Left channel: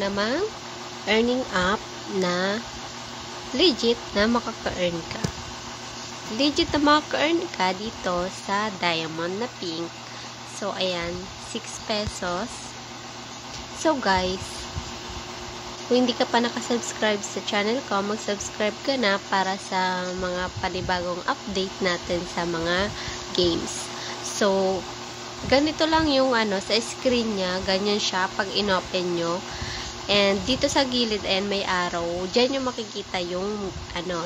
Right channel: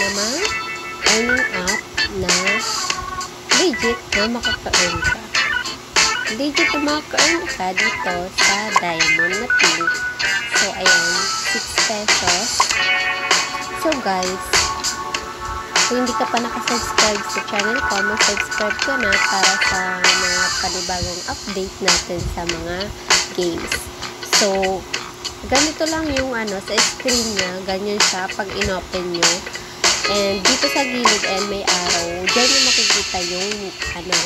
namang earning app na legit na makaka-earn ka. Legit na makaka-earn ka dito sa Diamond na Pink. So, ayan, 6 pesos. So, guys, kung hindi ka pa nakasubscribe sa channel ko, mag-subscribe ka na para sa mga panibagong update natin sa mga games. So, ganito lang yung sa screen niya, ganyan siya pag in-open nyo. And dito sa gilid may arrow. Diyan yung makikita yung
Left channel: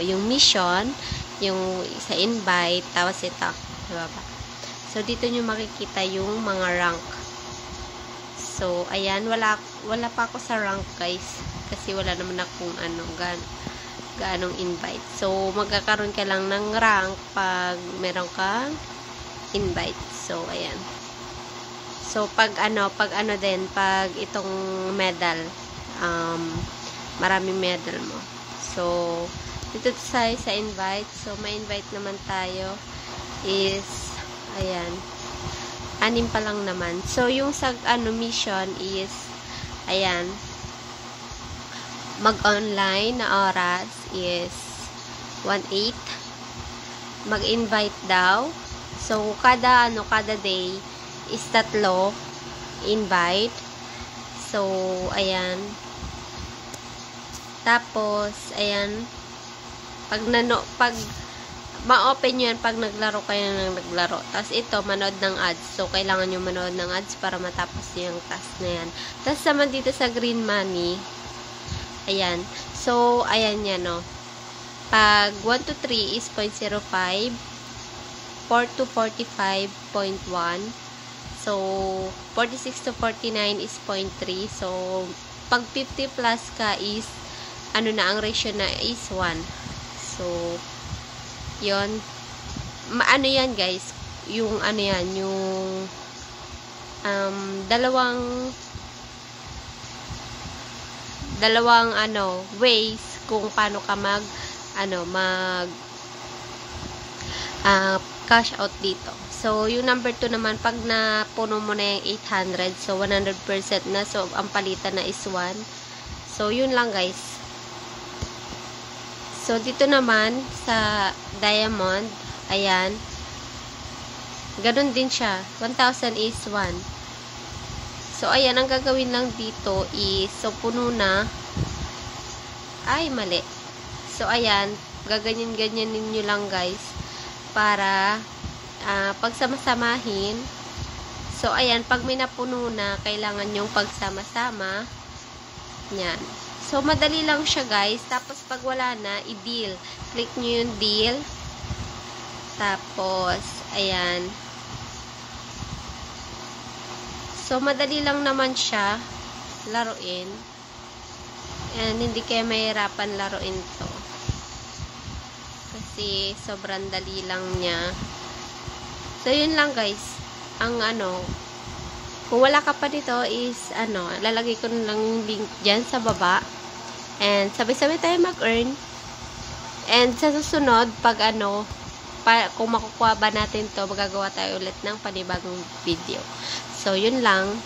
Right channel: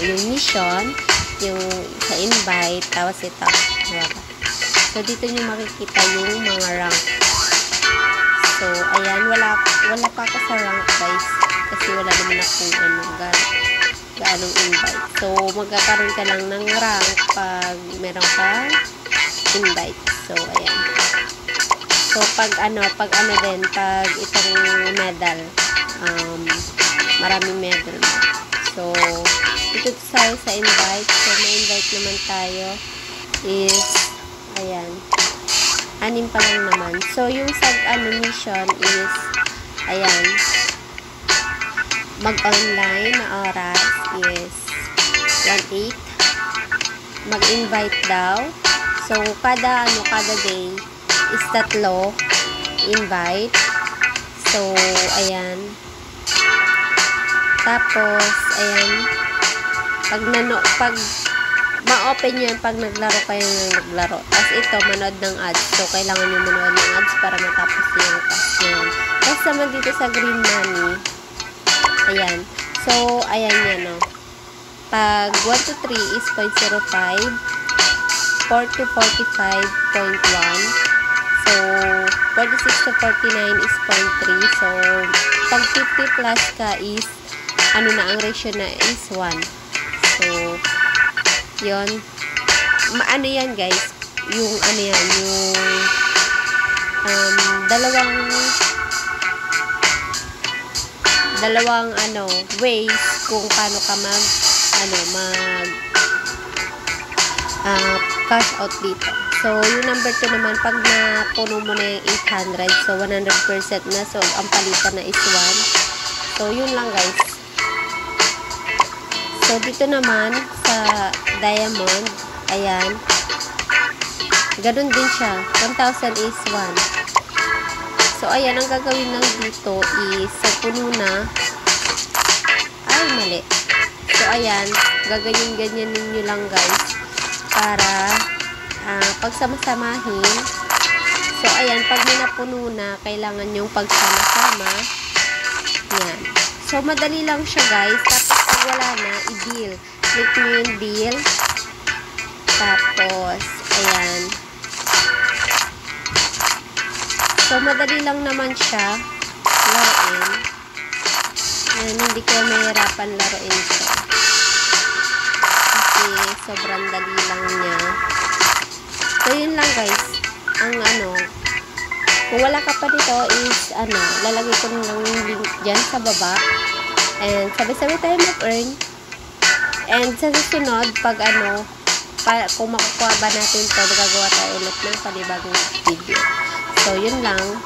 yung mission, yung sa invite, tapos ito. So dito nyo makikita yung mga rank. So ayan, wala pa ako sa rank, guys, kasi wala naman akong gaanong invite. So magkakaroon ka lang ng rank pag meron ka invite. So ayan. So, pag itong medal, maraming medal mo. So, dito tayo sa invite. So, may invite naman tayo is, ayan, 6 pa lang naman. So, yung sa mission is, ayan, mag-online na oras is 1:08. Mag-invite daw. So, kada day, is 3 invite. So, ayan. Tapos, ayan. Pag ma-open nyo yan pag naglaro kayo ng naglaro. Tapos ito, manood ng ads. So, kailangan nyo manood ng ads para matapos yung task na yan. Tapos naman dito sa green money, ayan. So, ayan yan, no. Pag 1 to 3 is 0.05. 4 to 45.1. So, 46 to 49 is 0.3. So, pag 50 plus ka is, ang ratio na is 1. So, yun. Yan, guys. Yung, dalawang ways kung paano ka cash out dito. So, yung number 2 naman, pag napuno mo na yung 800, so 100% na. So, ang palitan na is 1. So, yun lang, guys. So, dito naman, sa Diamond, ayan, ganun din siya. 1,000 is 1. So, ayan, ang gagawin lang dito is, so, puno na. Ay, mali. So, ayan, gaganyan-ganyan ninyo lang, guys, para pagsamasamahin. So, ayan, pag may napuno na, kailangan yung pagsama-sama. Yan. So, madali lang siya, guys. Tapos, pag wala na, i-deal. Click nyo yung deal. Tapos, ayan. So, madali lang naman siya laruin. And, hindi kayo mahirapan laruin ito. Kasi, sobrang dali lang niya. So, yun lang, guys. Kung wala ka pa dito is, lalagay ko lang yung link dyan sa baba. And, sabay-sabay tayo mag-earn. And, sa susunod, kung makukuha ba natin to, magagawa tayo ulit ng panibagong video. So, yun lang.